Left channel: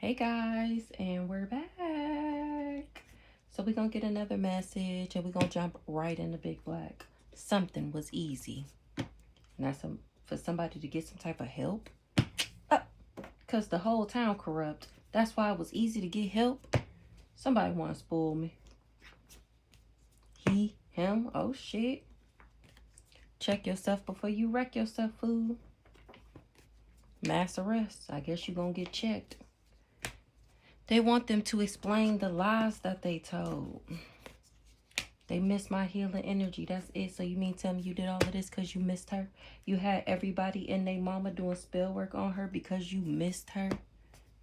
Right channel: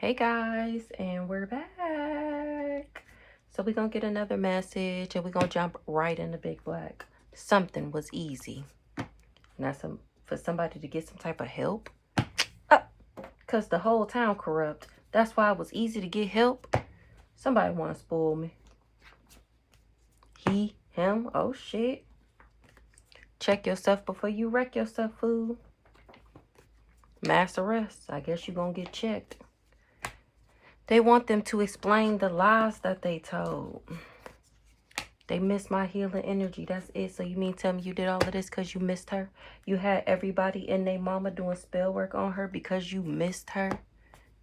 Hey guys, and we're back. So we're gonna get another message and we're gonna jump right into Big Black. Something was easy. Now for somebody to get some type of help. Cause the whole town corrupt. That's why it was easy to get help. Somebody wanna spoil me. He, him, oh shit. Check yourself before you wreck yourself, fool. Mass arrest. I guess you're gonna get checked. They want them to explain the lies that they told. They missed my healing energy. That's it. So you mean tell me you did all of this because you missed her? You had everybody and their mama doing spell work on her because you missed her?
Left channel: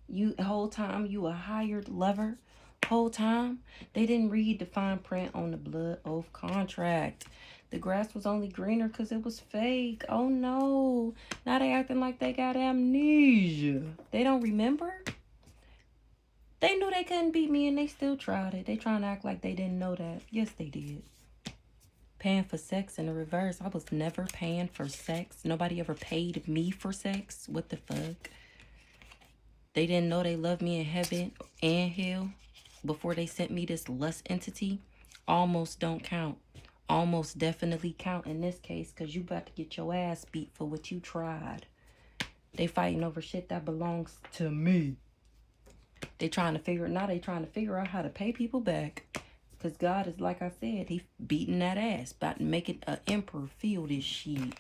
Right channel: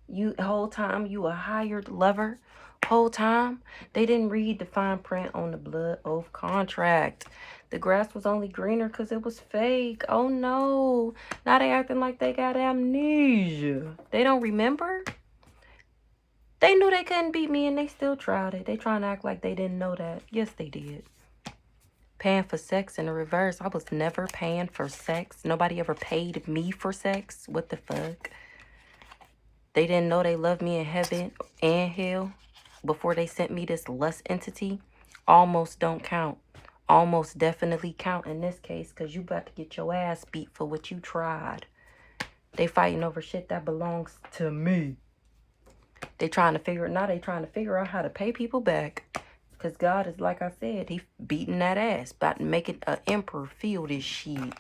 You whole time you a hired lover? Whole time? They didn't read the fine print on the blood oath contract. The grass was only greener because it was fake. Oh no. Now they acting like they got amnesia. They don't remember? They knew they couldn't beat me and they still tried it. They trying to act like they didn't know that. Yes, they did. Paying for sex in the reverse. I was never paying for sex. Nobody ever paid me for sex. What the fuck? They didn't know they loved me in heaven and hell before they sent me this lust entity. Almost don't count. Almost definitely count in this case because you about to get your ass beat for what you tried. They fighting over shit that belongs to me. They trying to figure out how to pay people back. Because God is, like I said, he beating that ass. About to make it an emperor feel this shit.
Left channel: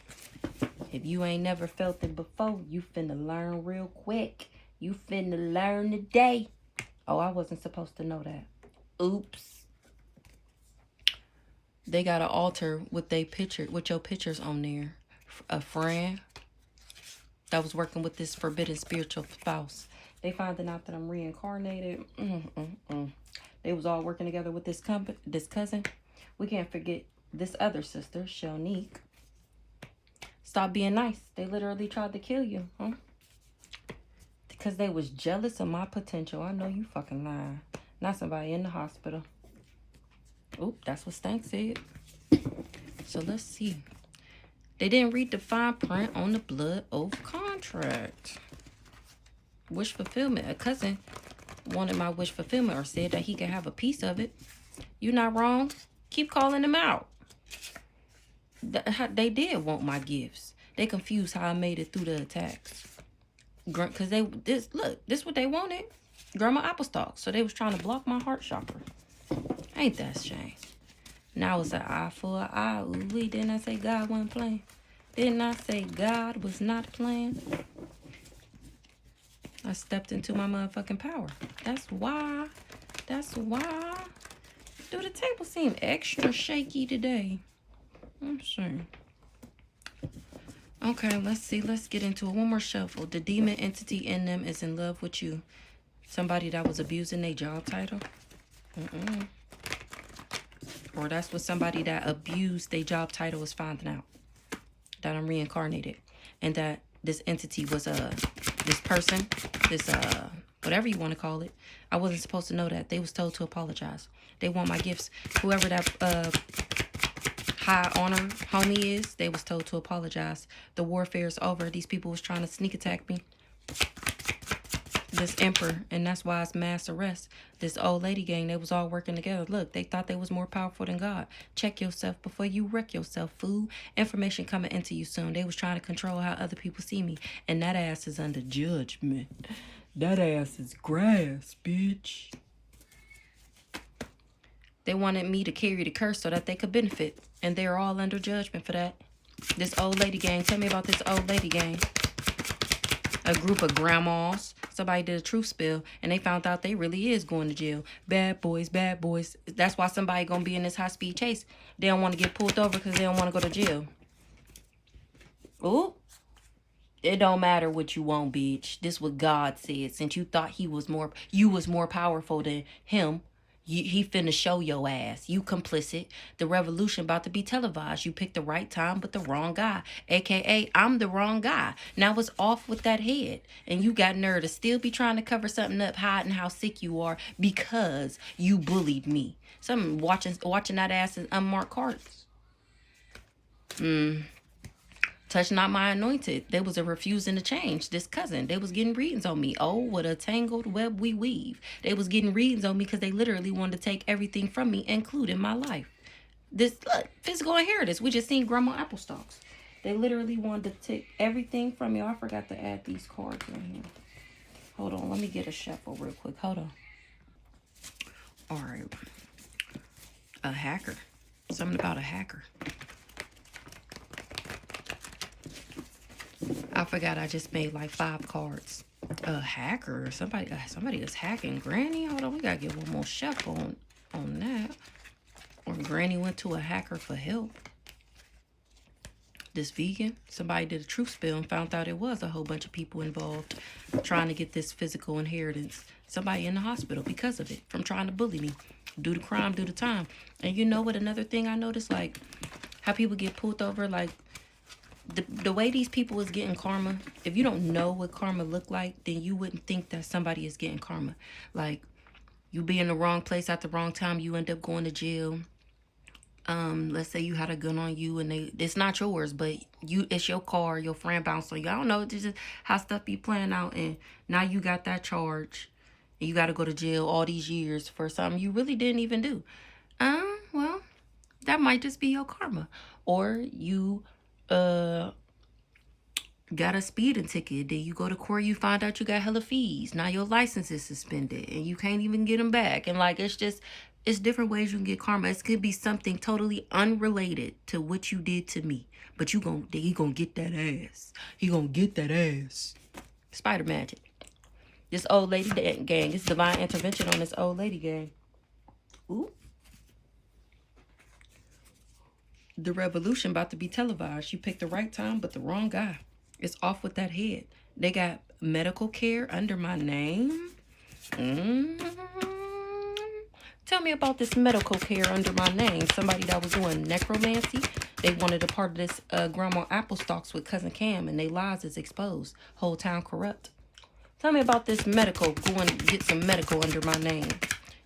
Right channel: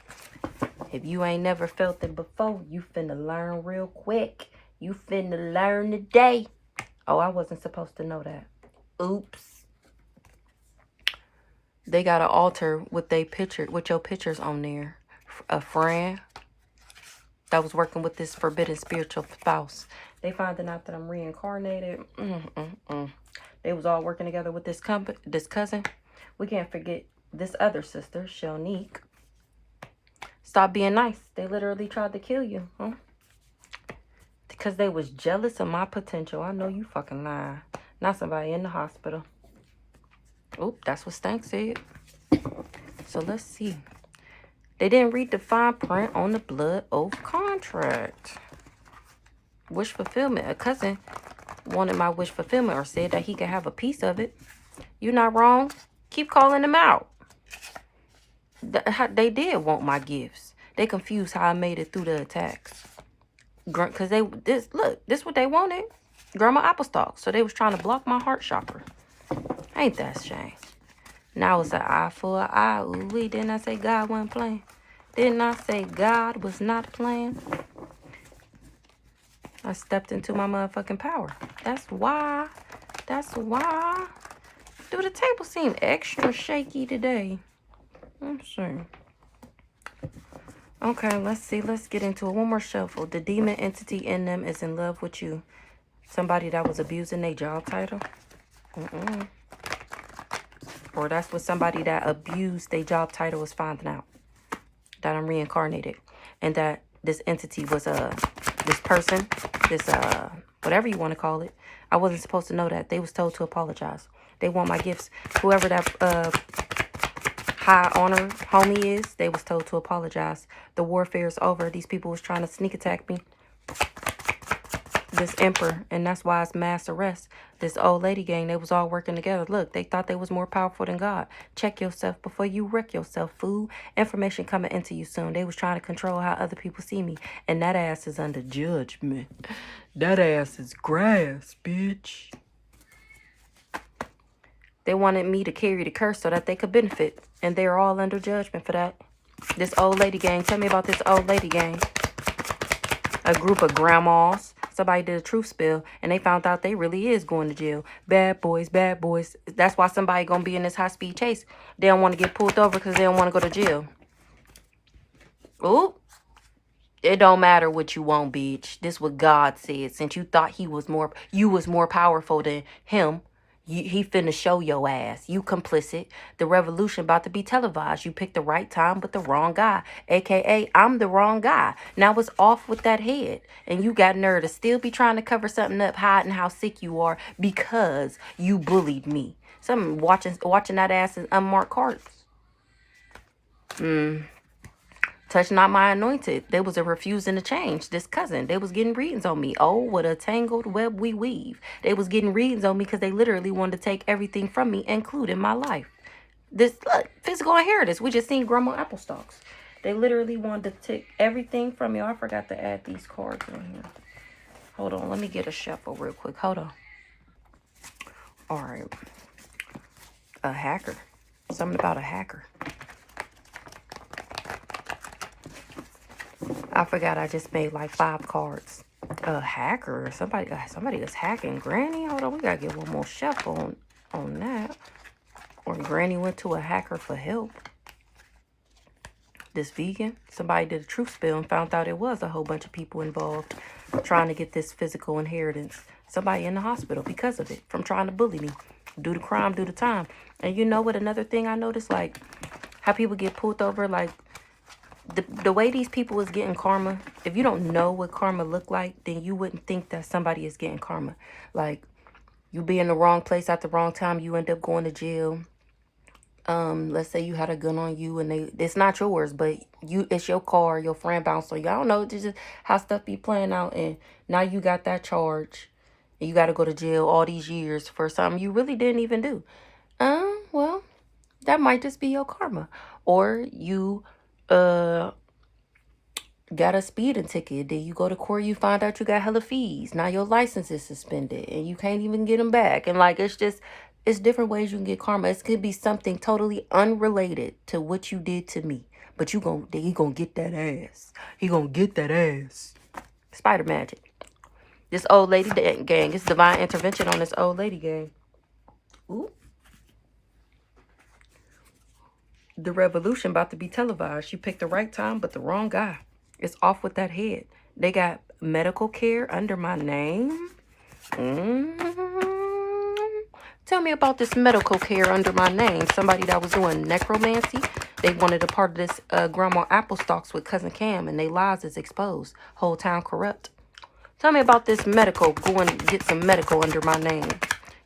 If you ain't never felt it before, you finna learn real quick. You finna learn today. Oh, I wasn't supposed to know that. Oops. They got an altar with your pictures on there. A friend that was working with this forbidden spiritual spouse. They finding out that I'm reincarnated. They was all working together with this cousin. We can't forget this other sister, Shonique. Stop being nice. They literally tried to kill you. Huh? Because they was jealous of my potential. I know you fucking lying. Not somebody in the hospital. Oop, that's what Stank said. So let's see. They didn't read the fine print on the blood oath contract. Wish fulfillment. A cousin wanted my wish fulfillment or said that he could have a piece of it. You're not wrong. Keep calling them out. They did want my gifts. They confused how I made it through the attacks. Because this what they wanted. Grandma Applestock. So they was trying to block my heart chakra. Ain't that a shame? Now it's an eye for an eye. Ooh, didn't I say God wasn't playing? Didn't I say God was not playing? I stepped into my motherfucking power. That's why. Do the table seem extra shaky today? Let's see. Okay, let's see. Let's get into it. One more shuffle. The demon entity in them is in love with you. Somebody that was abusing their job title. Or that's what somebody that abused their job title is finding out. That I'm reincarnated. And that this entity was this person, this whatever you want to call it. I wasn't supposed to know that. They was told to apologize. They want my gifts. Whoever that high honor homie is, they was told to apologize. The warfare is over. These people was trying to sneak attack me. This emperor, and that's why it's mass arrest. This old lady gang, they was all working together. Look, they thought they was more powerful than God. Check yourself before you wreck yourself, fool. Information coming into you soon. They was trying to control how other people see me, and that ass is under judgment. That ass is grass, bitch. They wanted me to carry the curse so that they could benefit, and they're all under judgment for that. This old lady gang, tell me about this old lady gang. A group of grandmas. Somebody did a truth spill, and they found out they really is going to jail. Bad boys, bad boys. That's why somebody going to be in this high-speed chase. They don't want to get pulled over because they don't want to go to jail. Ooh. It don't matter what you want, bitch. This what God said. Since you thought you was more powerful than him, he finna show your ass. You complicit. The revolution about to be televised. You picked the right time but the wrong guy. AKA, I'm the wrong guy. Now it's off with that head. And you got nerve to still be trying to cover something up, hiding how sick you are because you bullied me. Some watching that ass in unmarked cards. Tell Touch not my anointed. They was a refusing to change. This cousin, they was getting readings on me. Oh, what a tangled web we weave. They was getting readings on me because they literally wanted to take everything from me, including my life. This physical inheritance. We just seen Grandma Applestocks. They literally wanted to take everything from you. I forgot to add these cards in here. Hold on. Let me get a shuffle real quick. Hold on. All right. A hacker. Something about a hacker. I forgot I just made like 5 cards. A hacker. Somebody is hacking Granny. Hold on. We got to get one more shuffle on that. Or Granny went to a hacker for help. This vegan, somebody did a truth spill and found out it was a whole bunch of people involved trying to get this physical inheritance. Somebody in the hospital because of it, from trying to bully me. Do the crime, do the time. And you know what, another thing I noticed, like how people get pulled over, like the way these people is getting karma. If you don't know what karma look like, then you wouldn't think that somebody is getting karma. Like you be in the wrong place at the wrong time, you end up going to jail. Let's say you had a gun on you and it's not yours, but it's your car, your friend bounced on you. I don't know, this is how stuff be playing out, and now you got that charge and you got to go to jail all these years for something you really didn't even do. Well, that might just be your karma. Or you got a speeding ticket, then you go to court, you find out you got hella fees, now your license is suspended and you can't even get them back. And like it's different ways you can get karma. It could be something totally unrelated to what you did to me, but he gonna get that ass. He gonna get that ass. Spider magic. This old lady gang. It's divine intervention on this old lady gang. Ooh. The revolution about to be televised. She picked the right time, but the wrong guy. It's off with that head. They got medical care under my name. Tell me about this medical care under my name. Somebody that was doing necromancy. They wanted a part of this Grandma Applestocks with Cousin Cam, and they lies is exposed. Whole town corrupt. Tell me about this medical. Go and get some medical under my name.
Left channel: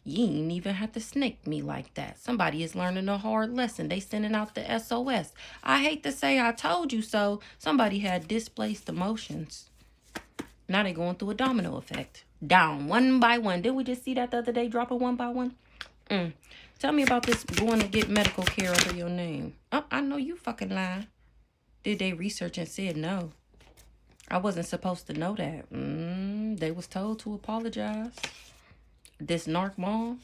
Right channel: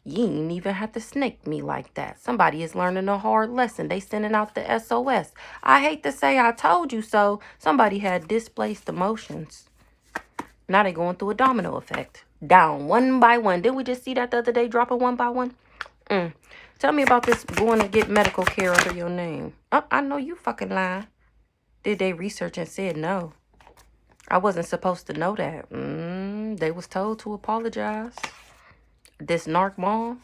You ain't even have to snake me like that. Somebody is learning a hard lesson. They sending out the SOS. I hate to say I told you so. Somebody had displaced emotions. Now they going through a domino effect. Down one by one. Did we just see that the other day, dropping one by one? Tell me about this going to get medical care under your name. Oh, I know you fucking lying. Did they research and said no? I wasn't supposed to know that. They was told to apologize. This narc mom.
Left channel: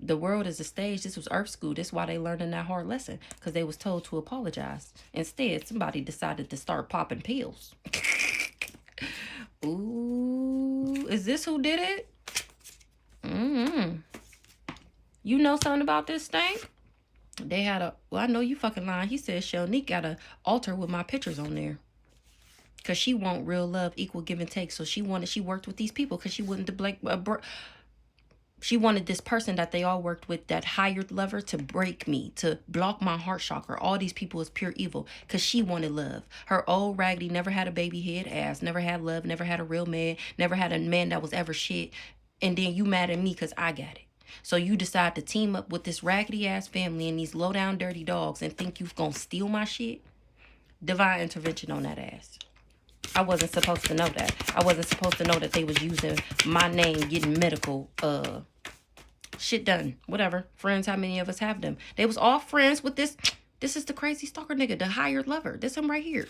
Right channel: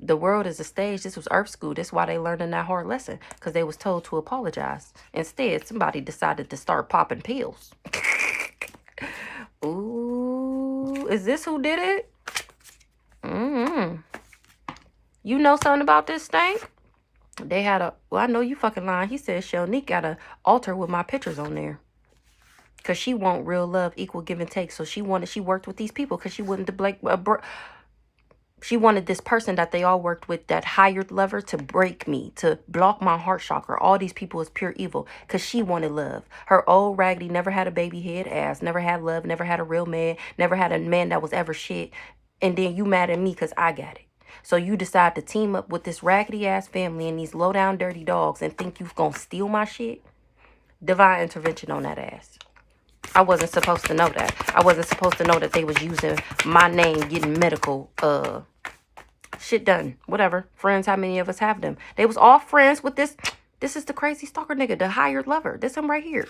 The world is a stage. This was Earth School. That's why they learning that hard lesson. Because they was told to apologize. Instead, somebody decided to start popping pills. Ooh. Is this who did it? You know something about this thing? They had well, I know you fucking lying. He said Shelnique got an altar with my pictures on there. Because she want real love, equal give and take. So she worked with these people because she wanted to she wanted this person that they all worked with, that hired lover, to break me, to block my heart chakra. All these people is pure evil because she wanted love. Her old raggedy never had a baby head ass, never had love, never had a real man, never had a man that was ever shit. And then you mad at me because I got it. So you decide to team up with this raggedy ass family and these low down dirty dogs and think you're going to steal my shit? Divine intervention on that ass. I wasn't supposed to know that. I wasn't supposed to know that they was using my name, getting medical shit done. Whatever. Friends, how many of us have them? They was all friends with this. This is the crazy stalker nigga, the hired lover. This him right here.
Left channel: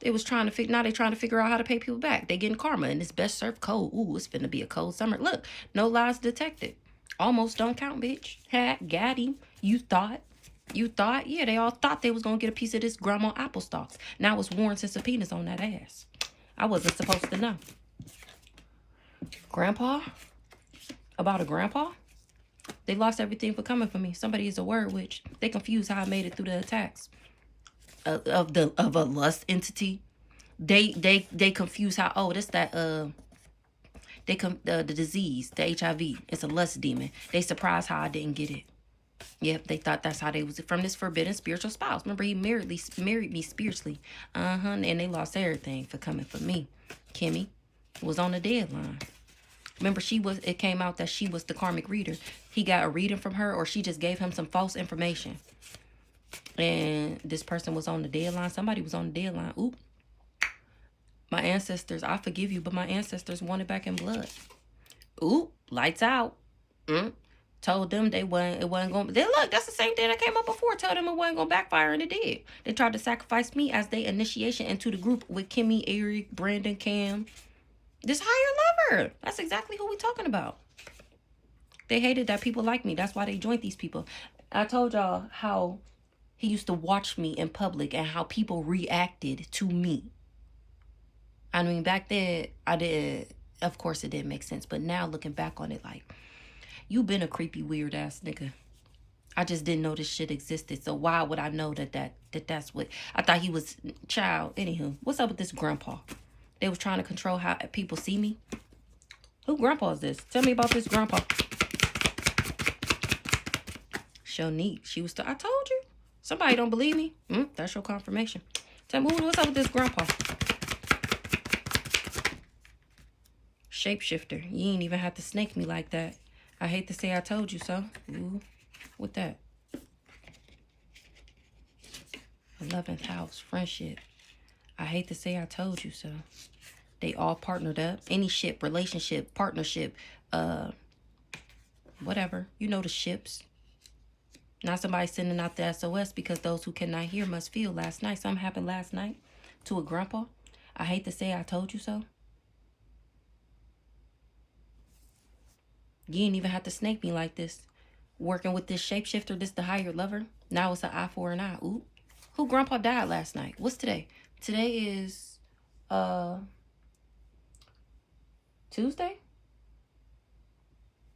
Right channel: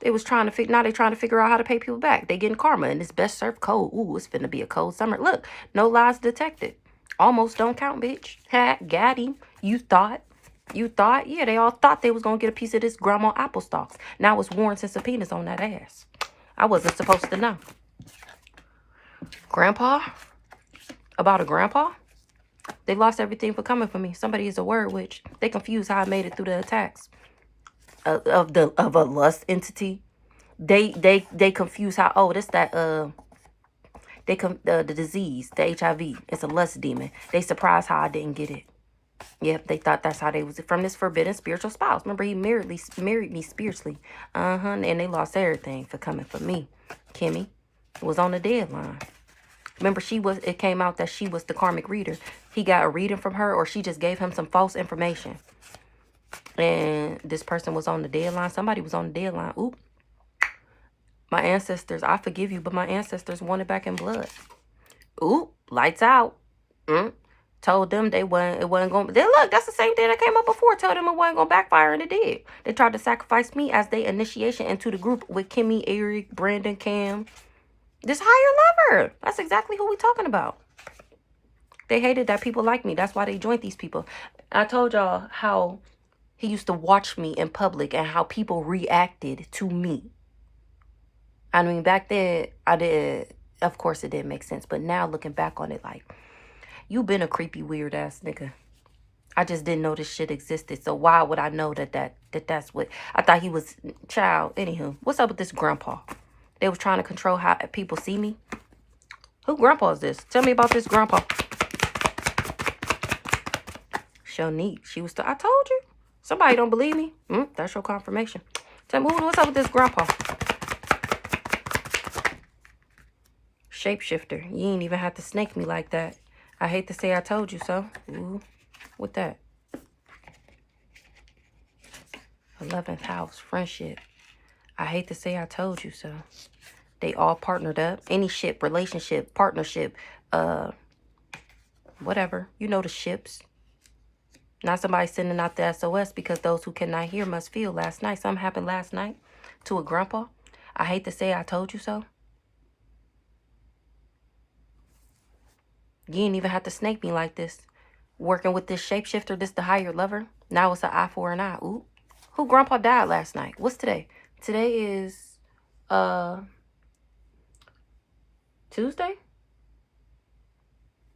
They was trying to now they trying to figure out how to pay people back. They getting karma in this best served cold. Ooh, it's finna be a cold summer. Look, no lies detected. Almost don't count, bitch. Ha, got him. You thought? Yeah, they all thought they was gonna get a piece of this Grandma Applestocks. Now it's warrants and subpoenas on that ass. I wasn't supposed to know. Grandpa? About a grandpa? They lost everything for coming for me. Somebody is a word witch. They confused how I made it through the attacks of a lust entity. They confuse how, oh, that's that the disease, the HIV. It's a lust demon. They surprised how I didn't get it. Yep, they thought that's how they was from this forbidden spiritual spouse. Remember, he married me spiritually. And they lost everything for coming for me. Kimmy was on the deadline. Remember, it came out that she was the karmic reader. He got a reading from her, or she just gave him some false information. And this person was on the deadline. Somebody was on the deadline. Oop. My ancestors, I forgive you, but my ancestors wanted back in blood. Oop. Lights out. Told them it wasn't going to. Look, that's the same thing that came up before. Told them it wasn't going to backfire, and it did. They tried to sacrifice me as their initiation into the group with Kimmy, Eric, Brandon, Cam. This higher lover. That's exactly who we talking about. They hated that people like me. That's why they joined these people. I told y'all how he used to watch me in public and how people reacted to me. I mean, back then, I did. Of course, it didn't make sense. But now, looking back on it, like, you been a creepy, weird ass nigga. I just didn't know this shit existed. So why would I know that's what I thought he was? Child. Anywho, what's up with this grandpa? They was trying to control how people see me. Who grandpa is this? Tell me about this grandpa. Shonique. She was. I told you. Somebody don't believe me. That's your confirmation. Tell me what's up with this grandpa. Shapeshifter. You ain't even have to snake me like that. I hate to say I told you so. Ooh, with that. 11th house, friendship. I hate to say I told you so. They all partnered up. Any ship, relationship, partnership, whatever. You know the ships. Not somebody sending out the SOS because those who cannot hear must feel. Last night, something happened last night to a grandpa. I hate to say I told you so. You ain't even have to snake me like this. Working with this shapeshifter, this the higher lover. Now it's an eye for an eye. Ooh. Who grandpa died last night? What's today? Today is Tuesday?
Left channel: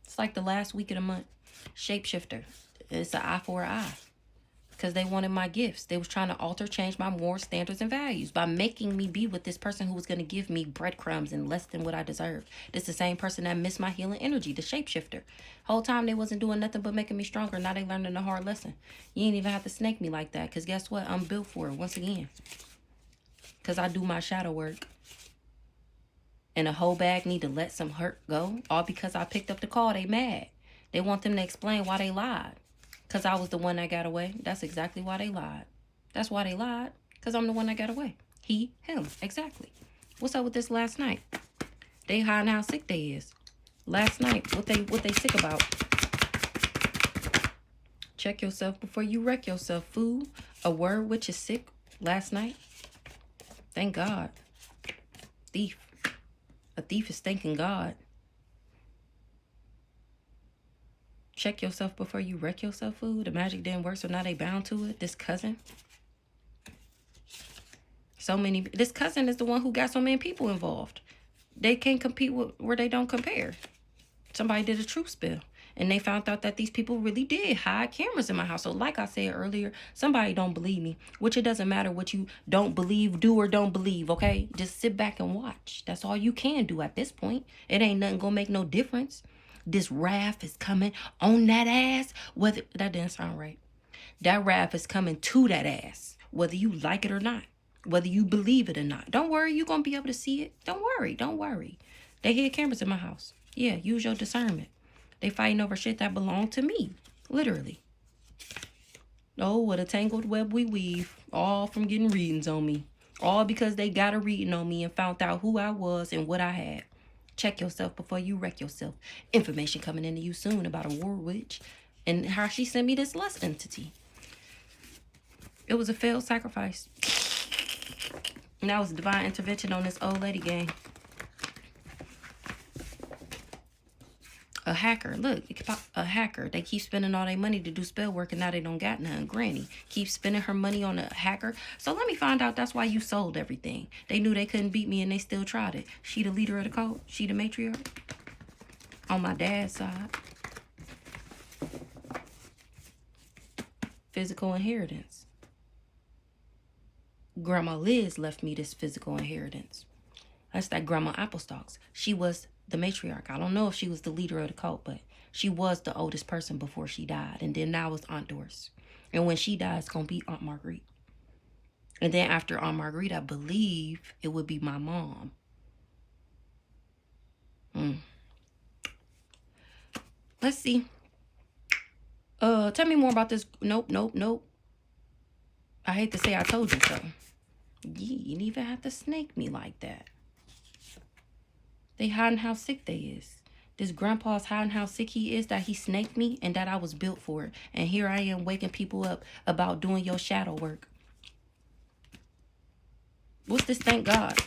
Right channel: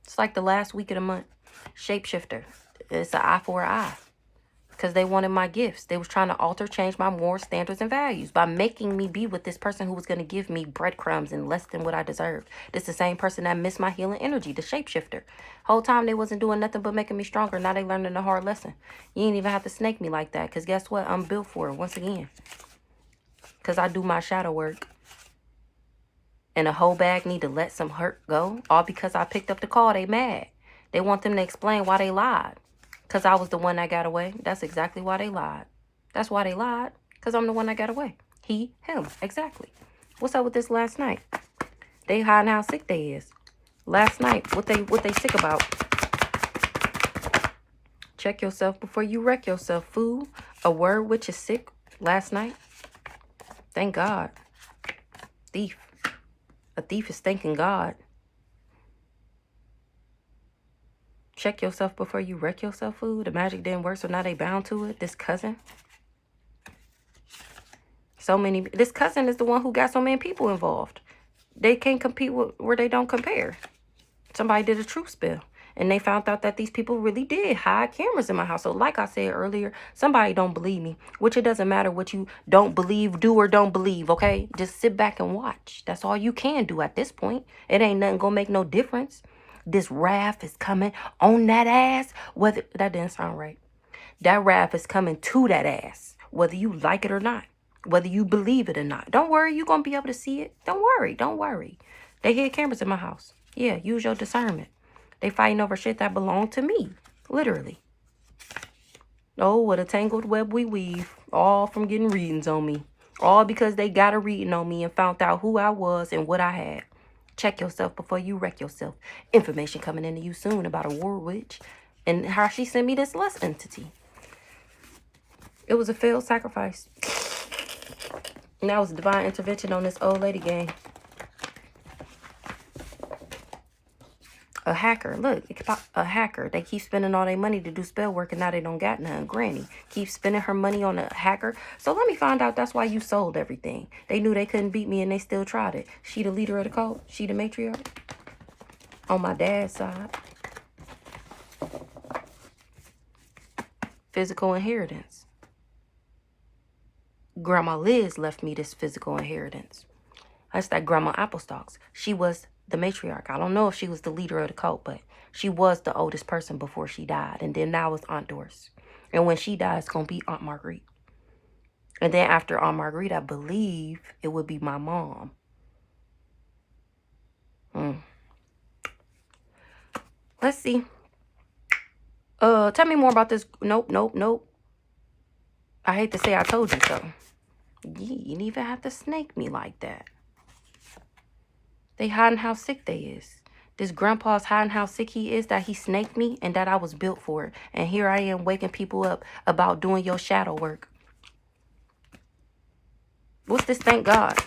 It's like the last week of the month. Shapeshifter. It's an eye for an eye. Because they wanted my gifts. They was trying to change my moral standards and values by making me be with this person who was going to give me breadcrumbs and less than what I deserved. This the same person that missed my healing energy, the shapeshifter. Whole time they wasn't doing nothing but making me stronger. Now they learning a hard lesson. You ain't even have to snake me like that. Because guess what? I'm built for it once again. Because I do my shadow work. And a whole bag need to let some hurt go. All because I picked up the call. They mad. They want them to explain why they lied. Because I was the one that got away. That's exactly why they lied. That's why they lied. Because I'm the one that got away. He, him. Exactly. What's up with this last night? They hiding how sick they is. Last night, what they sick about? Check yourself before you wreck yourself, fool. A word which is sick last night. Thank God. Thief. A thief is thanking God. Check yourself before you wreck yourself, fool. The magic didn't work, so now they bound to it. This cousin. This cousin is the one who got so many people involved. They can't compete with where they don't compare. Somebody did a truth spill. And they found out that these people really did hide cameras in my house. So like I said earlier, somebody don't believe me. Which it doesn't matter what you don't believe, do or don't believe, okay? Just sit back and watch. That's all you can do at this point. It ain't nothing gonna make no difference. This wrath is coming on that ass. Whether that didn't sound right. That wrath is coming to that ass. Whether you like it or not. Whether you believe it or not. Don't worry, you're gonna be able to see it. Don't worry. They hid cameras in my house. Yeah, use your discernment. They fighting over shit that belonged to me. Literally. Oh, what a tangled web we weave. All from getting readings on me. All because they got a reading on me and found out who I was and what I had. Check yourself before you wreck yourself. Information coming into you soon about a war witch. And how she sent me this lust entity. It was a failed sacrifice. And that was divine intervention on this old lady gang. A hacker. Look, a hacker. They keep spending all their money to do spell work and now they don't got none. Granny keeps spending her money on a hacker. So let me find out that's why you sold everything. They knew they couldn't beat me and they still tried it. She the leader of the cult. She the matriarch. On my dad's side. Physical inheritance. Grandma Liz left me this physical inheritance. That's that Grandma Applestocks. She was the matriarch. I don't know if she was the leader of the cult, but she was the oldest person before she died. And then now it's Aunt Doris. And when she dies, it's going to be Aunt Marguerite. And then after Aunt Marguerite, I believe it would be my mom. Let's see. Tell me more about this. Nope. I hate to say I told you so. You didn't even have to snake me like that. They hiding how sick they is. This grandpa's hiding how sick he is that he snaked me and that I was built for it. And here I am waking people up about doing your shadow work. What's this? Thank God.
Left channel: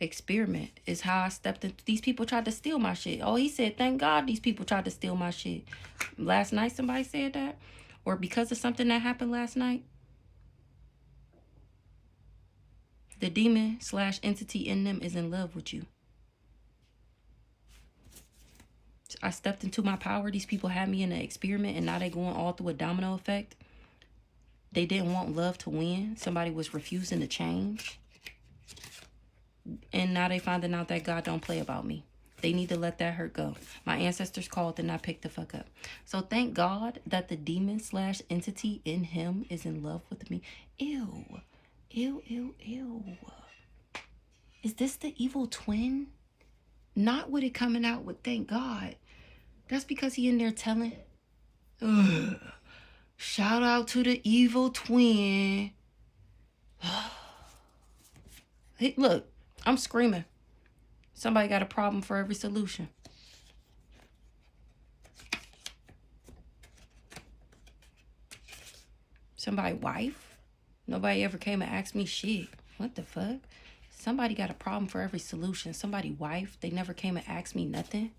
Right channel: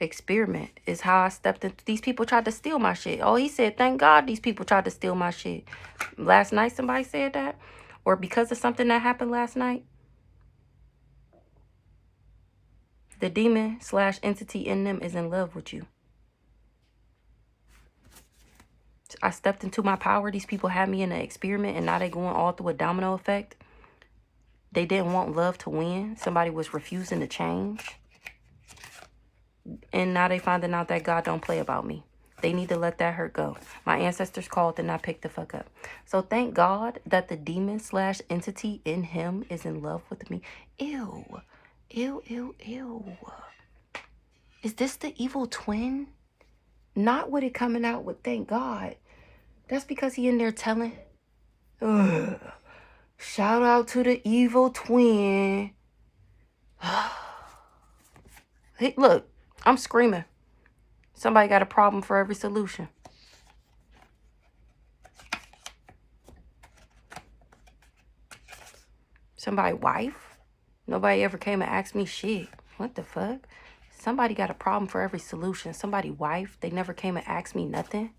Experiment is how I stepped into. These people tried to steal my shit. Oh, he said, thank God these people tried to steal my shit. Last night somebody said that? Or because of something that happened last night? The demon / entity in them is in love with you. I stepped into my power. These people had me in an experiment and now they going all through a domino effect. They didn't want love to win. Somebody was refusing to change. And now they finding out that God don't play about me. They need to let that hurt go. My ancestors called and I picked the fuck up. So thank God that the demon / entity in him is in love with me. Ew. Ew, ew, ew. Is this the evil twin? Not with it coming out with thank God. That's because he in there telling. Ugh. Shout out to the evil twin. Hey, look, I'm screaming. Somebody got a problem for every solution. Somebody wife? Nobody ever came and asked me shit. What the fuck? Somebody got a problem for every solution. Somebody wife? They never came and asked me nothing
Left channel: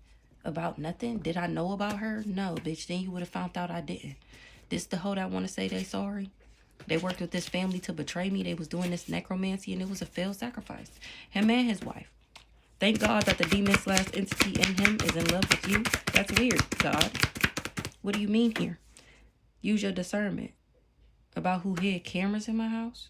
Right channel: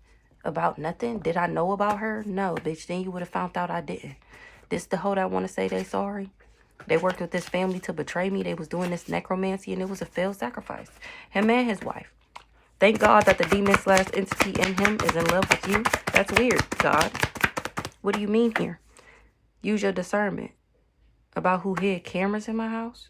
about nothing. Did I know about her? No, bitch. Then you would have found out I didn't. This the hoe that want to say they sorry? They worked with this family to betray me. They was doing this necromancy and it was a failed sacrifice. Him and his wife. Thank God that the demon / entity in him is in love with you. That's weird, God. What do you mean here? Use your discernment. About who hid cameras in my house?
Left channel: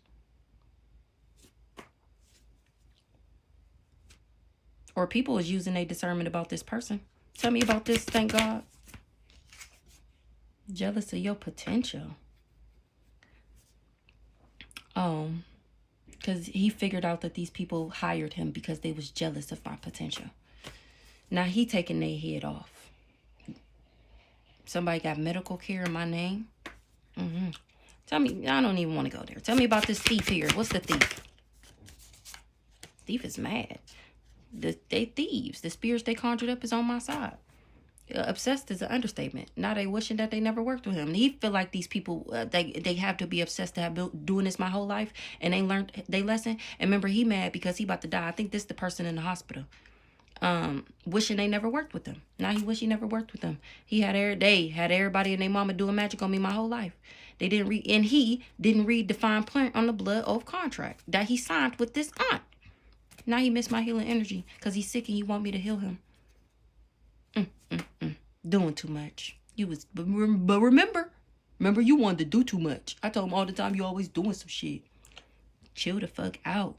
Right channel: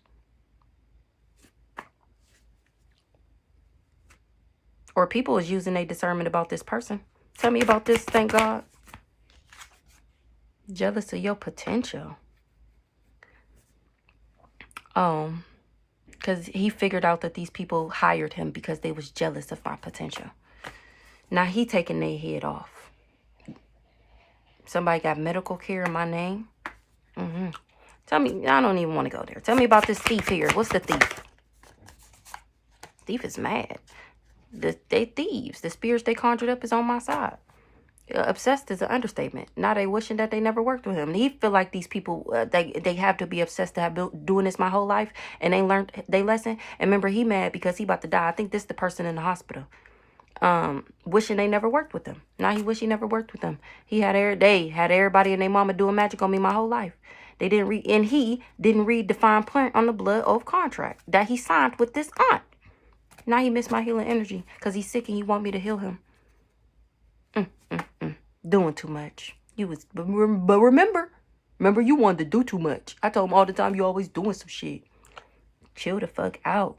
Or people is using their discernment about this person. Tell me about this, thank God. Jealous of your potential. Because he figured out that these people hired him because they was jealous of my potential. Now he taking their head off. Somebody got medical care in my name. Tell me, I don't even want to go there. Tell me about this thief here. What's the thief? Thief is mad. They thieves. The spirits they conjured up is on my side. Obsessed is an understatement. Now they wishing that they never worked with him. He feel like these people, they have to be obsessed to have been doing this my whole life and they learned their lesson. And remember, he mad because he about to die. I think this the person in the hospital. Wishing they never worked with him. Now he wish he never worked with them. He had everybody and their mama doing magic on me my whole life. They didn't read, and he didn't read the fine print on the blood oath contract that he signed with this aunt. Now he missed my healing energy because he's sick and he want me to heal him. Doing too much. But remember you wanted to do too much. I told him all the time you always doing some shit. Chill the fuck out.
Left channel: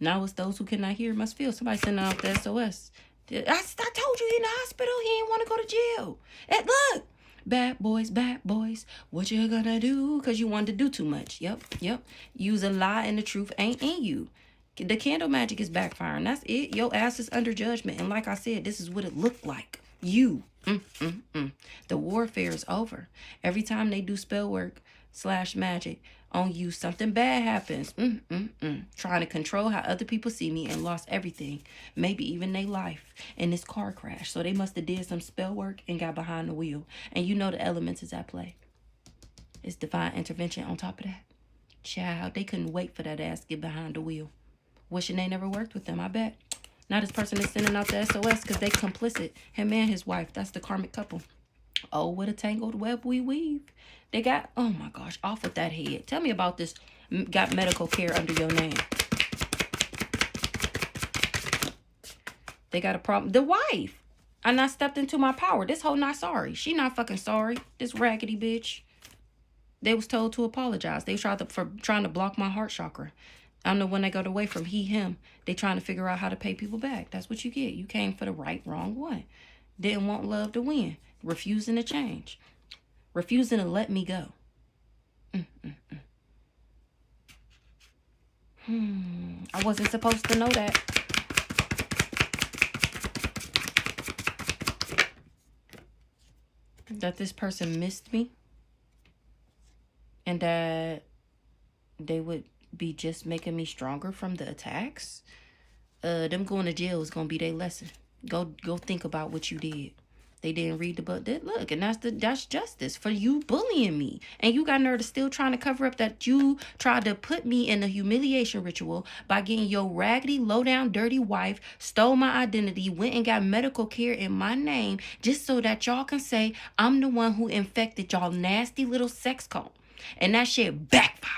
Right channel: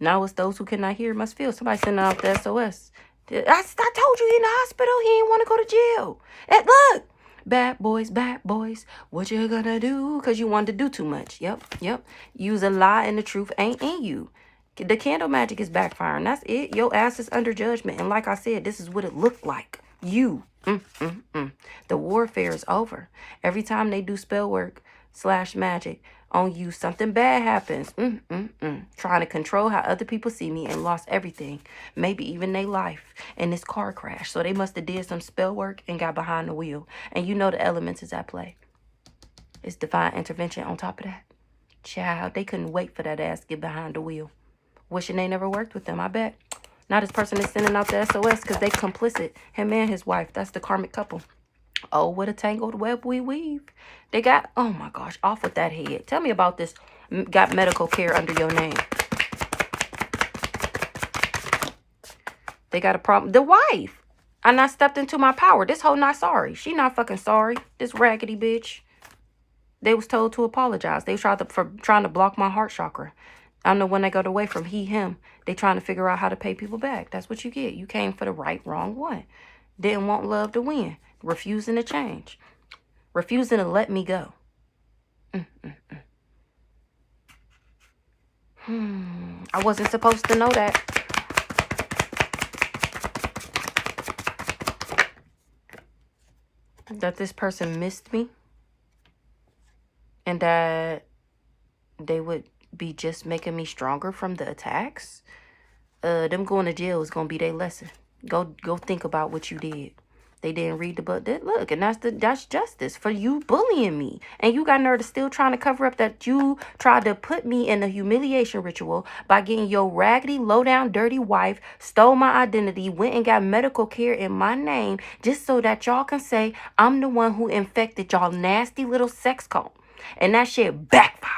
Now it's those who cannot hear must feel. Somebody sending out the SOS. I told you he in the hospital. He ain't want to go to jail. And look. Bad boys, what you gonna do? Because you wanted to do too much. Yep. Use a lie and the truth ain't in you. The candle magic is backfiring. That's it. Your ass is under judgment. And like I said, this is what it looked like. You. The warfare is over. Every time they do spell work / magic on you, something bad happens. Trying to control how other people see me and lost everything. Maybe even their life in this car crash. So they must have did some spell work and got behind the wheel. And you know the elements is at play. It's divine intervention on top of that. Child, they couldn't wait for that ass to get behind the wheel. Wishing they never worked with them, I bet. Now this person is sending out the SOS because they complicit. Him and his wife. That's the karmic couple. Oh, what a tangled web we weave. They got, oh my gosh, off with that head. Tell me about this. Got medical care under your name. They got a problem. The wife. I not stepped into my power. This hoe not sorry. She not fucking sorry. This raggedy bitch. They was told to apologize. They tried for trying to block my heart chakra. I know when they got away from he, him, they trying to figure out how to pay people back. That's what you get. You came for the right, wrong one. Didn't want love to win. Refusing to change. Refusing to let me go. I wasn't supposed to know that. That this person missed me. saying that they would be just making me stronger from the attacks. Them going to jail is gonna be their lesson. Go think about what you did. They didn't read the book. Look, and that's justice for you bullying me. And you got nerve to still trying to cover up that you tried to put me in a humiliation ritual by getting your raggedy, low-down, dirty wife, stole my identity, went and got medical care in my name, just so that y'all can say I'm the one who infected y'all nasty little sex cult. And that shit backfired.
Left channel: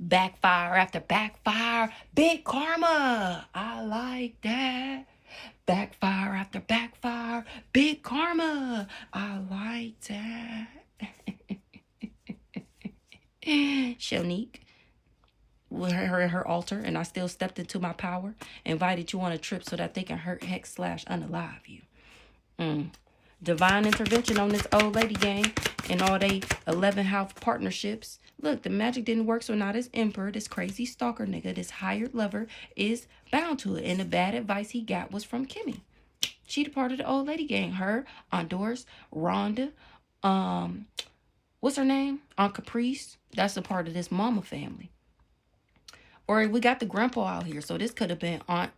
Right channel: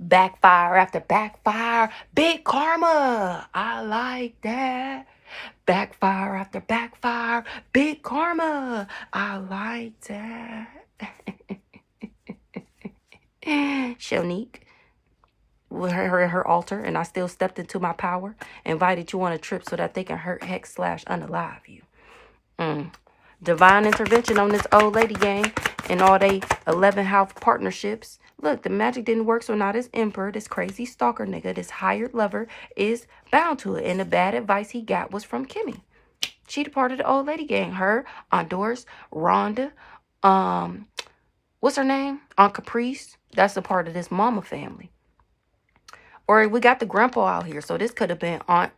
Backfire after backfire. Big karma. I like that. Backfire after backfire. Big karma. I like that. Shonique with her altar, and I still stepped into my power. Invited you on a trip so that they can hurt, hex, slash, unalive you. Divine intervention on this old lady gang and all they 11 house partnerships. Look, the magic didn't work, so now this emperor, this crazy stalker nigga, this hired lover is bound to it. And the bad advice he got was from Kimmy. She the part of the old lady gang. Her, Aunt Doris, Rhonda, what's her name? Aunt Caprice. That's a part of this mama family. Or we got the grandpa out here, so this could have been Aunt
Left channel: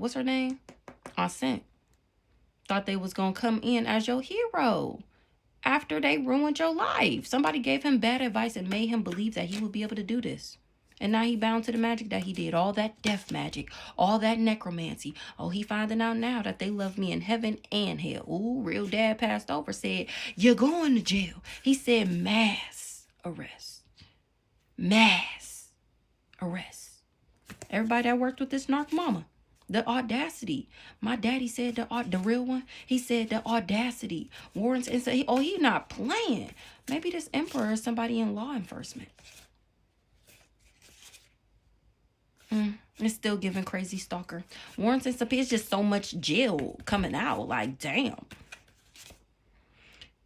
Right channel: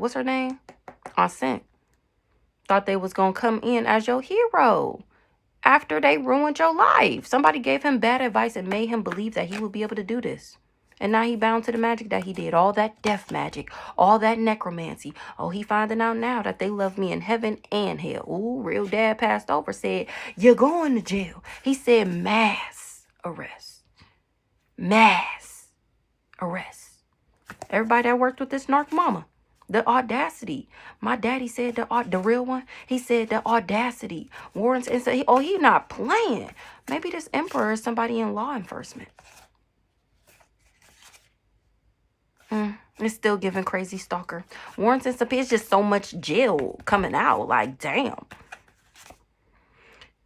what's her name? Aunt Scent. Thought they was gonna come in as your hero after they ruined your life. Somebody gave him bad advice and made him believe that he would be able to do this. And now he bound to the magic that he did. All that death magic, all that necromancy. Oh, he finding out now that they love me in heaven and hell. Ooh, real dad passed over, said, you're going to jail. He said mass arrest. Mass arrest. Everybody that worked with this narc mama. The audacity. My daddy said the real one. He said the audacity. Warrants and said, oh, he not playing. Maybe this emperor is somebody in law enforcement. It's still giving crazy stalker. Warrants and subpoenas. It's just so much jail coming out. Like, damn.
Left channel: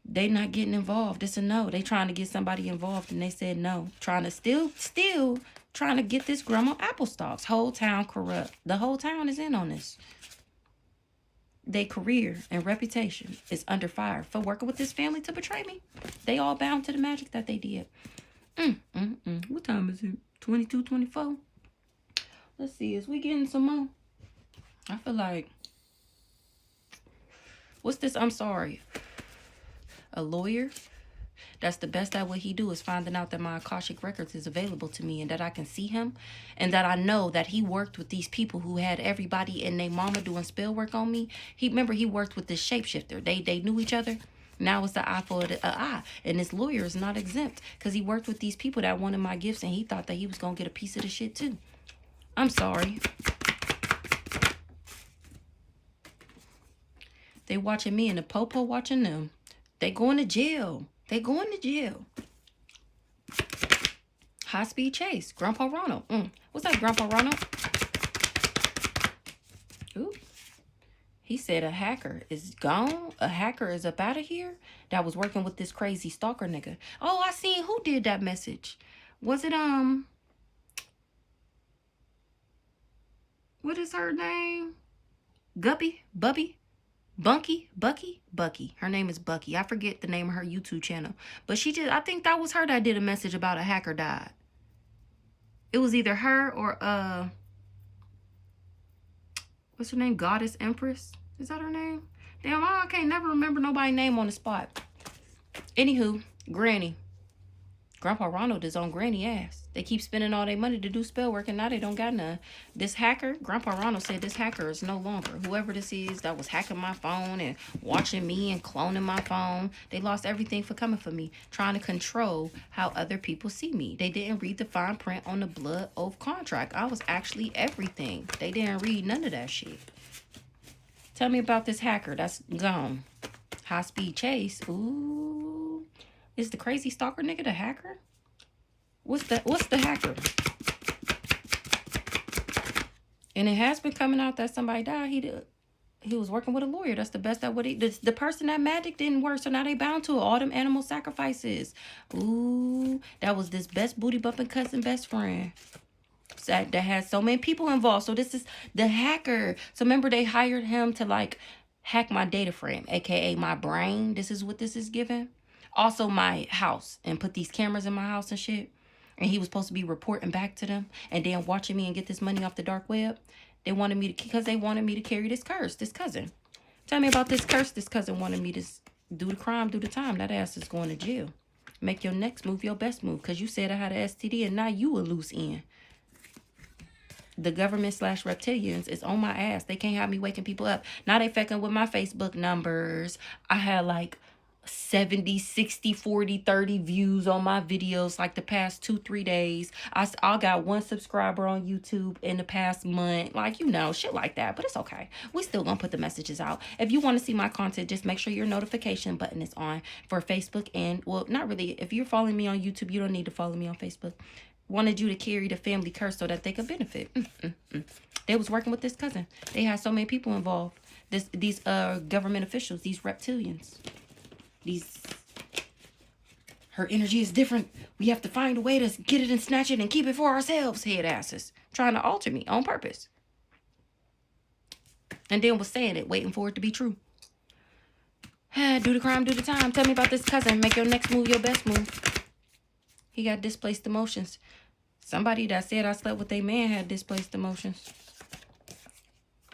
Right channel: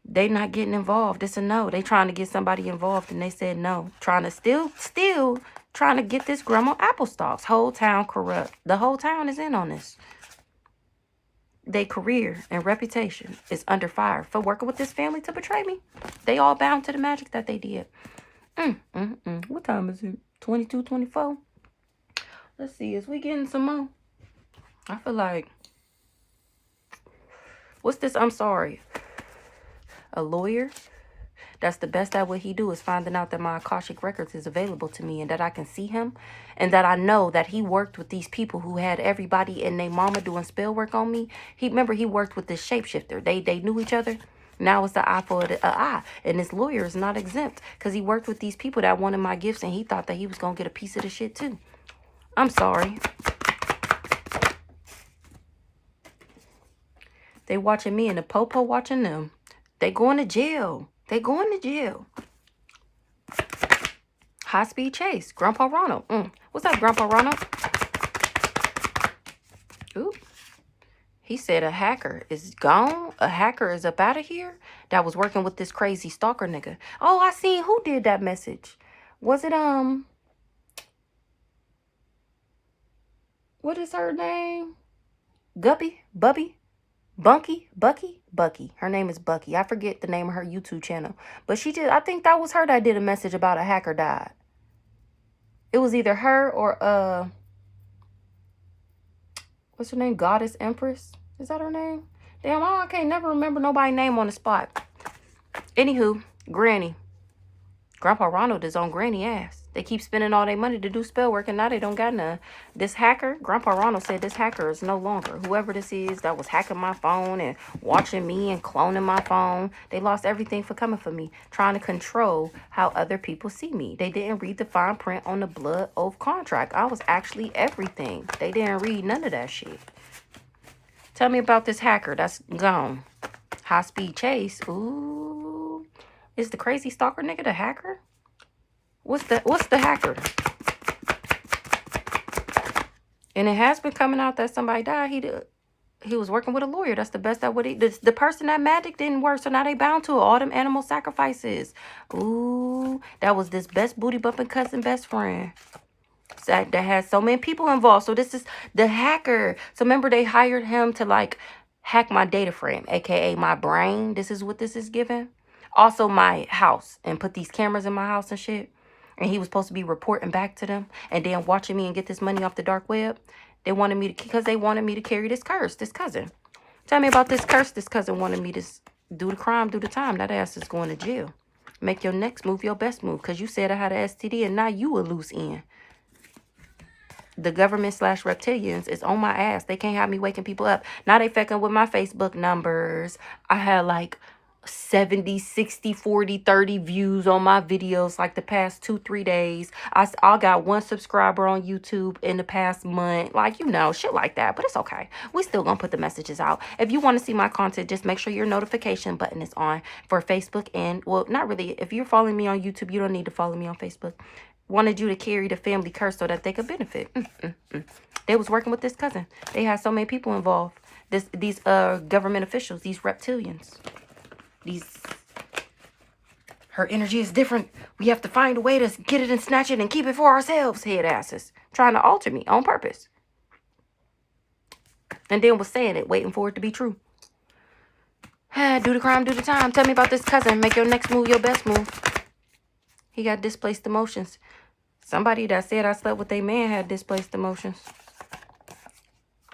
They not getting involved. It's a no. They trying to get somebody involved and they said no. Trying to still trying to get this grandma apple stalks. Whole town corrupt. The whole town is in on this. Their career and reputation is under fire for working with this family to betray me. They all bound to the magic that they did. What time is it? 22, 24? Let's see. Is we getting some more? I feel like... What's this? I'm sorry. A lawyer? That's the best at what he do is finding out that my Akashic Records is available to me and that I can see him and that I know that he worked with these people who had everybody and their mama doing spell work on me. Remember he worked with this shapeshifter. They knew each other. Now it's the eye for the eye. And this lawyer is not exempt because he worked with these people that wanted my gifts and he thought that he was going to get a piece of the shit too. I'm sorry. They watching me and the popo watching them. They going to jail. They going to jail. High speed chase. Grandpa Ronald. What's up, Grandpa Ronald? Ooh. He said a hacker is gone. A hacker is up out of here. That was working with this crazy stalker nigga. Oh, I seen who did that message. Was it, what is her name? Guppy? Bubby? Bunky? Bucky? Bucky. Her name is Bucky. I forget the name of her YouTube channel. But she did, I think that was her that did a message about a hacker died. It was either her or, what's her name? Goddess Empress? Is that her name? Damn, I can't never remember nobody's name on the spot. Anywho, Granny. Grandpa Ronald is on Granny ass. They keep spending all their money to do spell work and now they don't got none. This hacker, Grandpa Ronald said this hacker is no longer. Whoever this is that was hacking my phone and watching me and cloning my phone. They lost everything for coming for me. Trying to control how other people see me. They didn't read the fine print on the blood oath contract. I was actually everything. They didn't read none of that shit. Tell me about this hacker that's gone. High speed chase. Ooh. Is the crazy stalker nigga the hacker? What's the hacker? And it has been coming out that somebody died. He was working with a lawyer. That's the best that would the person that magic didn't work, so now they bound to it. All them animal sacrifices. Ooh, that was this best booty bumping cousin best friend. That has so many people involved. So this is the hacker. So remember they hired him to like hack my data frame, aka my brain. This is what this is giving. Also my house, and put these cameras in my house and shit. And he was supposed to be reporting back to them and then watching me and get this money off the dark web. They wanted me to, because they wanted me to carry this curse, this cousin. Tell me about this curse. This cousin wanted me to do the crime, do the time. That ass is going to jail. Make your next move your best move, because you said I had an STD and now you a loose end. The government / reptilians is on my ass. They can't have me waking people up. Now they fucking with my Facebook numbers. I had like 70, 60, 40, 30 views on my videos like the past 2-3 days. I got 1 subscriber on YouTube in the past month. Like, you know, shit like that. But it's okay. We still gonna put the messages out. If you want to see my content, just make sure your notification button is on for Facebook. And, well, not really. If you're following me on YouTube, you don't need to follow me on Facebook. Wanted you to carry the family curse so that they could benefit. They was working with this cousin. They had so many people involved. These government officials, these reptilians. Her energy is different. We have to find a way to get it and snatch it and keep it for ourselves, head asses. Trying to alter me on purpose. And then was saying it, waiting for it to be true. Do the crime, do the time. Tell me about this cousin. Make your next move your best move. He got displaced emotions. Somebody that said I slept with a man had displaced emotions.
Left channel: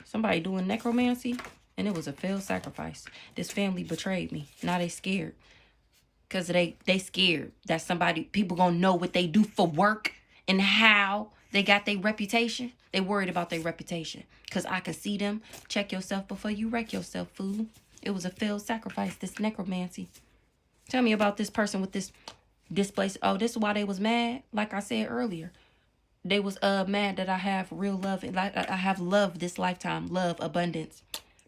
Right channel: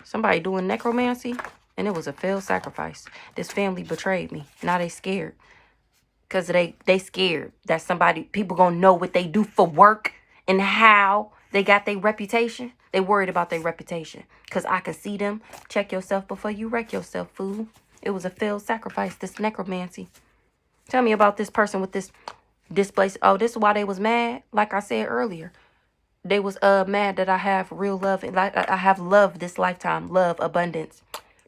Somebody doing necromancy. And it was a failed sacrifice. This family betrayed me. Now they scared. Because they scared that people gonna know what they do for work and how they got their reputation. They worried about their reputation. Because I can see them. Check yourself before you wreck yourself, fool. It was a failed sacrifice, this necromancy. Tell me about this person with this displaced. Oh, this is why they was mad. Like I said earlier. They was mad that I have real love. Like I have love this lifetime. Love, abundance.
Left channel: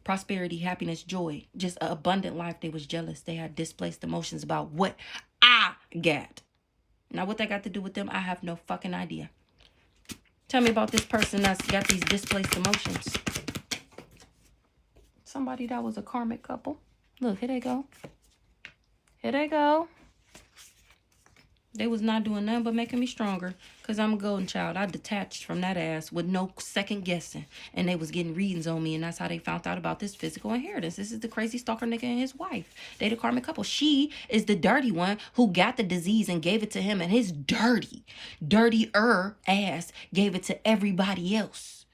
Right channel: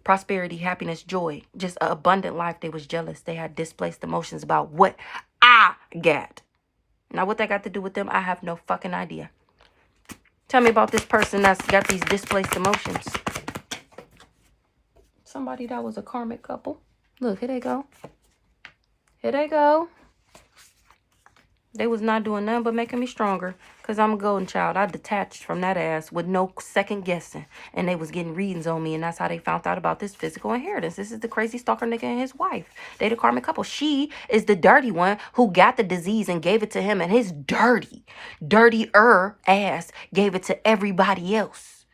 Prosperity, happiness, joy. Just an abundant life. They was jealous. They had displaced emotions about what I got. Now, what that got to do with them, I have no fucking idea. Tell me about this person that's got these displaced emotions. Somebody that was a karmic couple. Look, here they go. Here they go. They was not doing nothing but making me stronger. Because I'm a golden child. I detached from that ass with no second guessing. And they was getting readings on me. And that's how they found out about this physical inheritance. This is the crazy stalker nigga and his wife. They the karmic couple. She is the dirty one who got the disease and gave it to him. And his dirtier ass gave it to everybody else.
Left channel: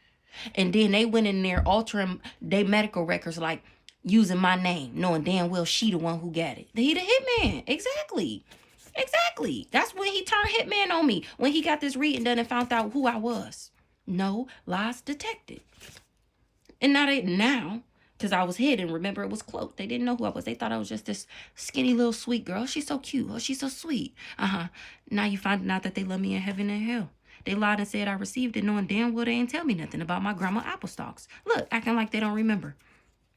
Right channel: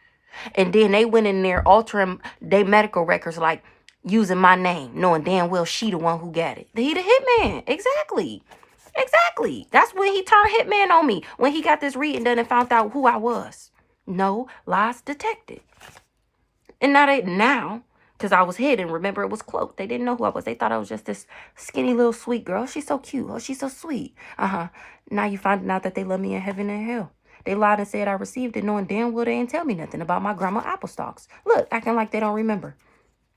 And then they went in there altering their medical records, like using my name. Knowing damn well she the one who got it. He the hitman. Exactly. Exactly. That's when he turned hitman on me. When he got this reading done and found out who I was. No lies detected. And now, because I was hidden, remember it was cloaked. They didn't know who I was. They thought I was just this skinny little sweet girl. She's so cute. Oh, she's so sweet. Now you finding out that they love me in heaven and hell. They lied and said I received it, knowing damn well they didn't tell me nothing about my grandma apple stalks. Look, acting like they don't remember.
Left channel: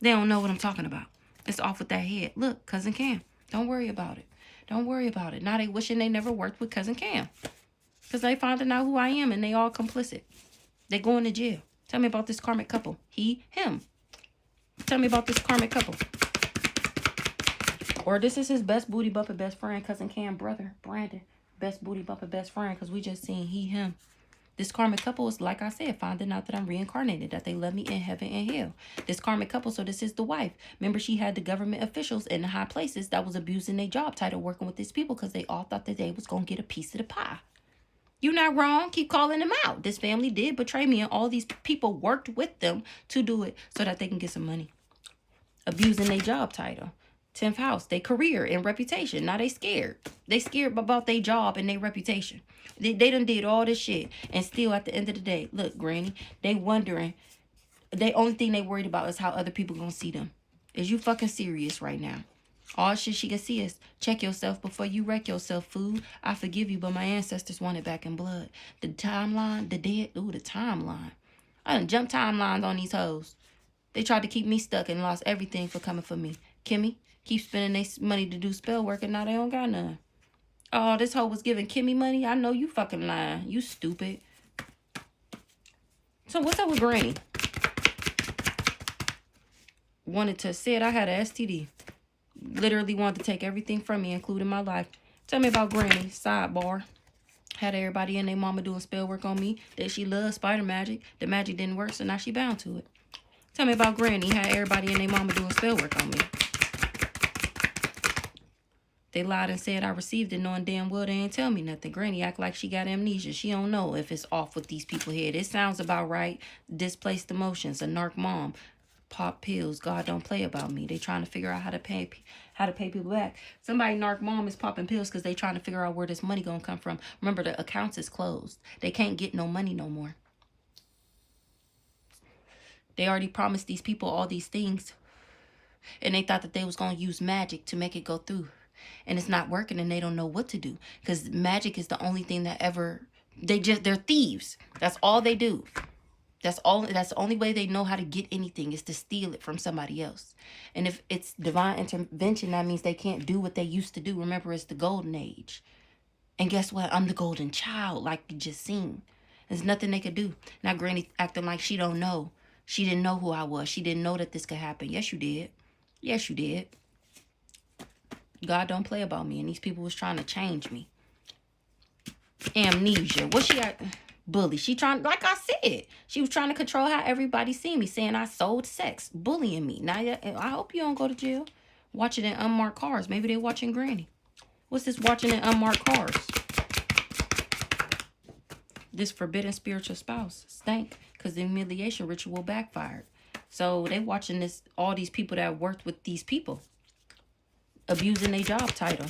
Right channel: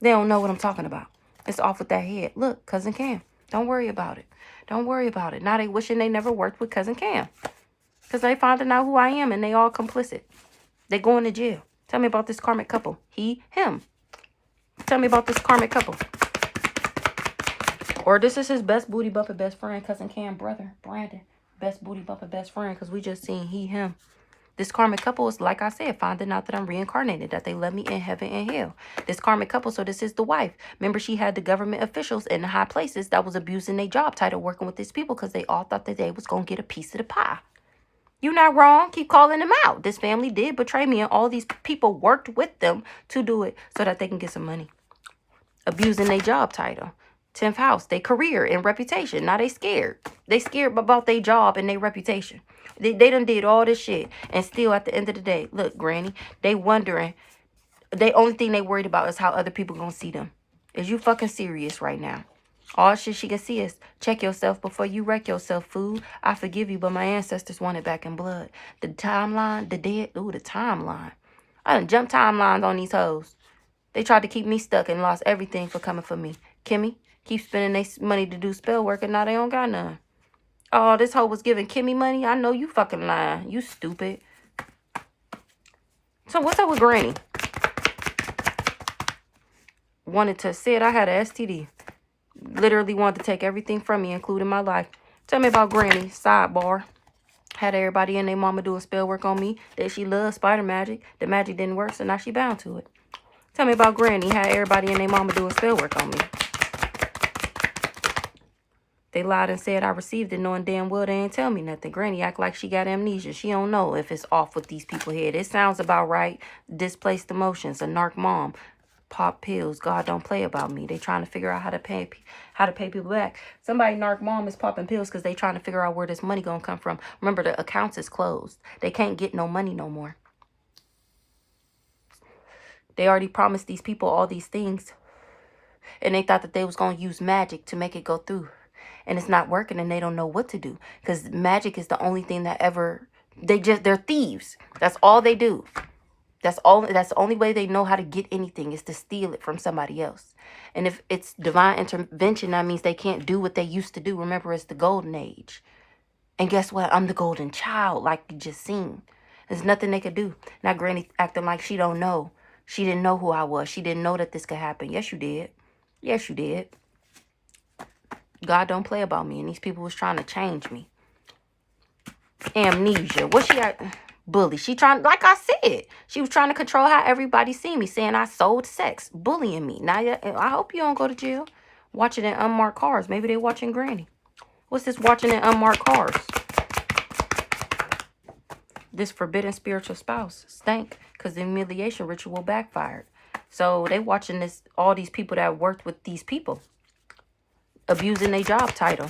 They don't know what I'm talking about. It's off with that head. Look, Cousin Cam. Don't worry about it. Don't worry about it. Now they wishing they never worked with Cousin Cam. Because they finding out who I am and they all complicit. They going to jail. Tell me about this karmic couple. He, him. Tell me about this karmic couple. Or this is his best booty bumper best friend, Cousin Cam brother, Brandon. Best booty bumper best friend, because we just seen he, him. This karmic couple is, like I said, finding out that I'm reincarnated, that they love me in heaven and hell. This karmic couple, so this is the wife. Remember, she had the government officials in the high places that was abusing their job title working with these people because they all thought that they was going to get a piece of the pie. You're not wrong. Keep calling them out. This family did betray me, and all these people worked with them to do it so that they can get some money. Abusing their job title. 10th house, their career and reputation. Now they scared. They scared about their job and their reputation. They done did all this shit. And still at the end of the day, look, Granny, they wondering. The only thing they worried about is how other people gonna see them. Is you fucking serious right now? All shit she can see is check yourself before you wreck yourself, fool. I forgive you, but my ancestors want it back in blood. The timeline, the dead, ooh, the timeline. I done jumped timelines on these hoes. They tried to keep me stuck and lost everything for coming for me. Kimmy, keep spending their money to do spell work and now they don't got none. Oh, this hoe was giving Kimmy money? I know you fucking lying. You stupid. So what's up with Granny? Wanted to say I had an STD. Literally wanted to take everything from me, including my life. Tell me about Granny. Sidebar. Had everybody and their mama doing spell work on me. That she loved spider magic. The magic didn't work, so now she bound to it. Tell me about Granny. Had everybody and their mama doing spell work on me. They lied and said I received it, knowing damn well they ain't tell me nothing. Granny act like she got amnesia. She don't know if it's off with these people here. It sounds about right. Displaced emotions. A narc mom. Pop pills. God don't play about me. They trying to figure out how to pay people back. Somebody narc mom is popping pills because they trying to figure out where this money gonna come from. Remember, the accounts is closed. They can't get no money no more. They already promised these people all these things, and they thought that they was gonna use magic to make it go through, and it's not working, and they don't know what to do because magic is the only thing that ever. They're thieves. That's all they do. That's the only way they know how to get anything is to steal it from somebody else. And if it's divine intervention, that means they can't do what they used to do. Remember, it's the golden age. And guess what? I'm the golden child, like you just seen. There's nothing they could do. Now Granny acting like she don't know. She didn't know who I was. She didn't know that this could happen. Yes, you did. Yes, you did. God don't play about me. And these people was trying to change me. Amnesia. What she got? Bully. She trying, like I said, she was trying to control how everybody see me, saying I sold sex, bullying me. Now, I hope you don't go to jail. Watching in unmarked cars. Maybe they watching Granny. What's this watching in unmarked cars? This forbidden spiritual spouse stank because the humiliation ritual backfired. So they watching this, all these people that worked with these people abusing their job title.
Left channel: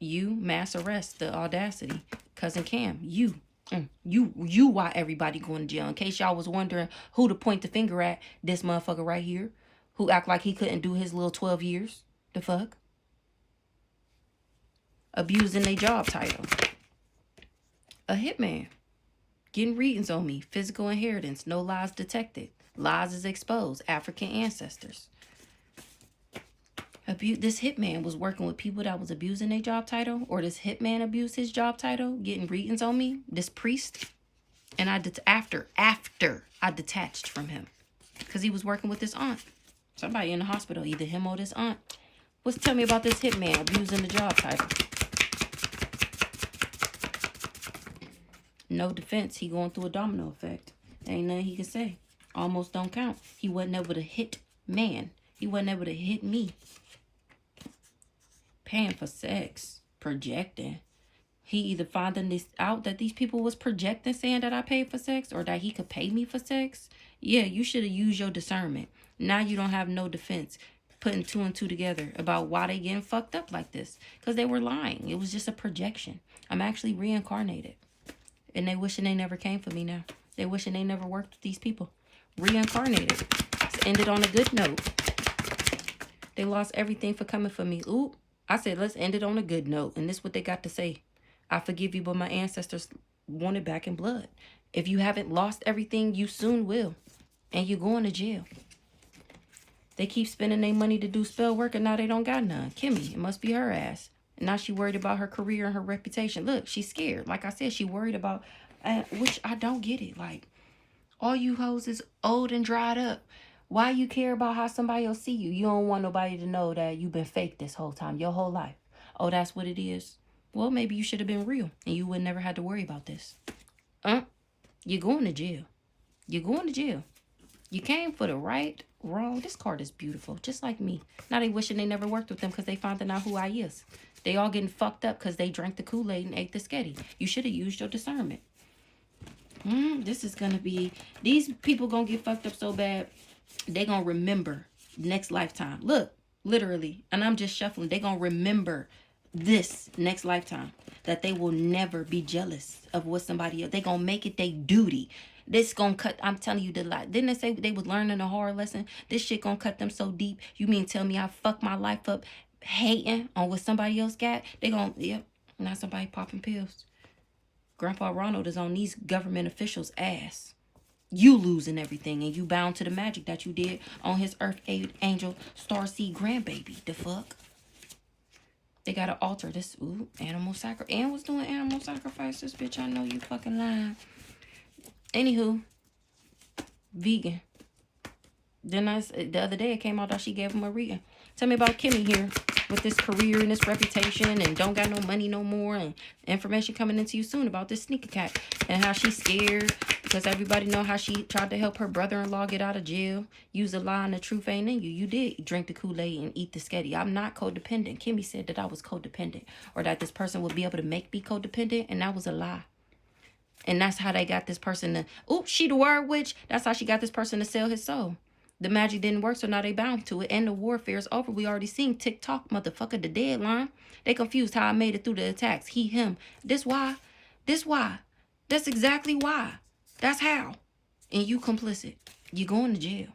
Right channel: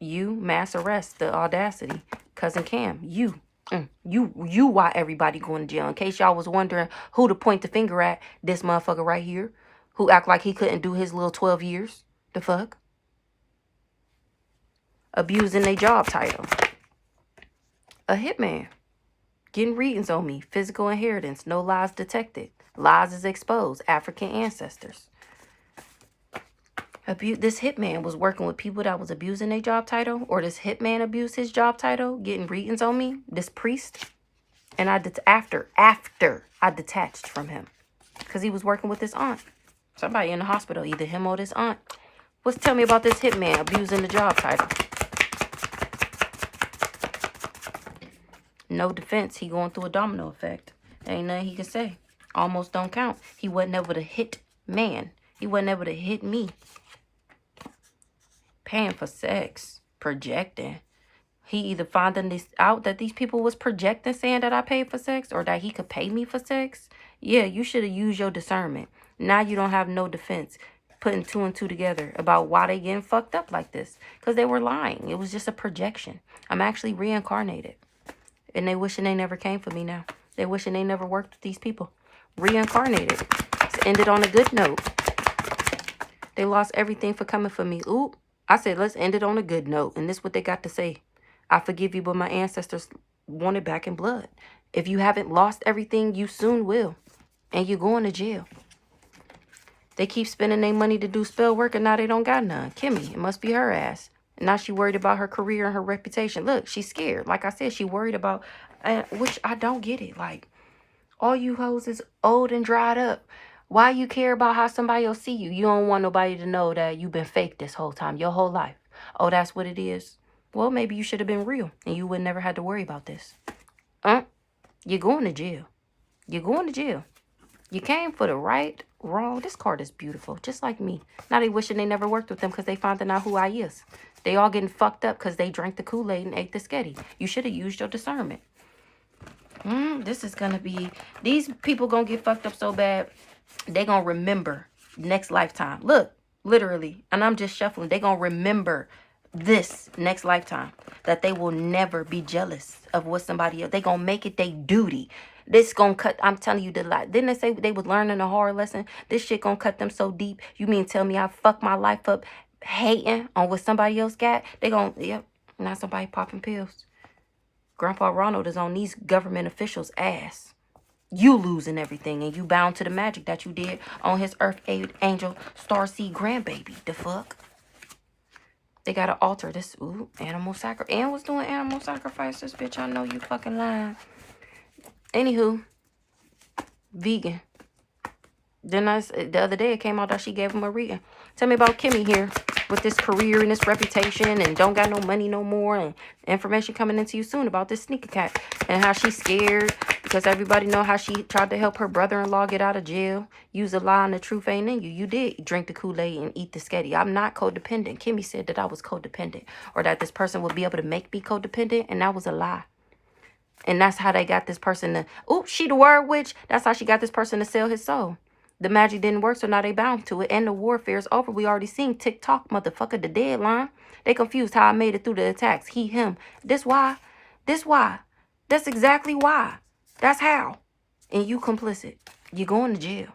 You, mass arrest, the audacity. Cousin Cam, you why everybody going to jail. In case y'all was wondering who to point the finger at, this motherfucker right here, who act like he couldn't do his little 12 years. The fuck? Abusing their job title. A hitman. Getting readings on me. Physical inheritance. No lies detected. Lies is exposed. African ancestors. This hitman was working with people that was abusing their job title, or this hitman abused his job title, getting readings on me, this priest, and after I detached from him because he was working with his aunt. Somebody in the hospital, either him or this aunt. Tell me about this hitman abusing the job title. No defense. He going through a domino effect. Ain't nothing he can say. Almost don't count. He wasn't able to hit man. He wasn't able to hit me. Paying for sex. Projecting. He either finding this out that these people was projecting, saying that I paid for sex, or that he could pay me for sex. Yeah, you should have used your discernment. Now you don't have no defense. Putting two and two together about why they getting fucked up like this. Because they were lying. It was just a projection. I'm actually reincarnated. And they wishing they never came for me now. They wishing they never worked with these people. Reincarnated. It's ended on a good note. They lost everything for coming for me. Ooh, I said, let's end it on a good note. And this is what they got to say. I forgive you, but my ancestors want it back in blood. If you haven't lost everything, you soon will. And you're going to jail. They keep spending their money to do spell work, and now they don't got none. Kimmy, it must be her ass. And now she worried about her career and her reputation. Look, she's scared. Like I said, she worried about, which I don't get it. Like, all you hoes is old and dried up. Why you care about how somebody will see you? You don't want nobody to know that you've been fake this whole time, your whole life. Oh, that's what it is? Well, maybe you should have been real, and you would never had to worry about this. You're going to jail. You're going to jail. You came for the right, wrong. This card is beautiful, just like me. Now they wishing they never worked with them because they finding out who I is. They all getting fucked up because they drank the Kool-Aid and ate the sketty. You should have used your discernment. This is going to be... These people going to get fucked up so bad, they going to remember next lifetime. Look, literally. And I'm just shuffling. They going to remember this next lifetime. That they will never be jealous of what somebody else... They going to make it their duty. This gonna cut, I'm telling you the lie. Didn't they say they was learning a hard lesson? This shit gonna cut them so deep. You mean tell me I fucked my life up hating on what somebody else got? They gonna, yep, now somebody popping pills. Grandpa Ronald is on these government officials' ass. You losing everything, and you bound to the magic that you did on his Earth Angel Starseed grandbaby. The fuck? They gotta alter this. Ooh, animal sacrifice. And was doing animal sacrifices, bitch. I know you fucking lying. Anywho, vegan. Then the other day it came out that she gave him a reading. Tell me about Kimmy here with this career and this reputation and don't got no money no more, and information coming into you soon about this sneaker cat and how she's scared Because everybody know how she tried to help her brother-in-law get out of jail. Use a lie and the truth ain't in you. You did drink the Kool-Aid and eat the sketty. I'm not codependent. Kimmy said that I was codependent. Or that this person would be able to make me codependent. And that was a lie. And that's how they got this person to... Oops, she the word witch. That's how she got this person to sell his soul. The magic didn't work, so now they bound to it. And the warfare is over. We already seen TikTok, motherfucker, the deadline. They confused how I made it through the attacks. He, him. This why. This why. That's exactly why. That's how. And you complicit. You're going to jail.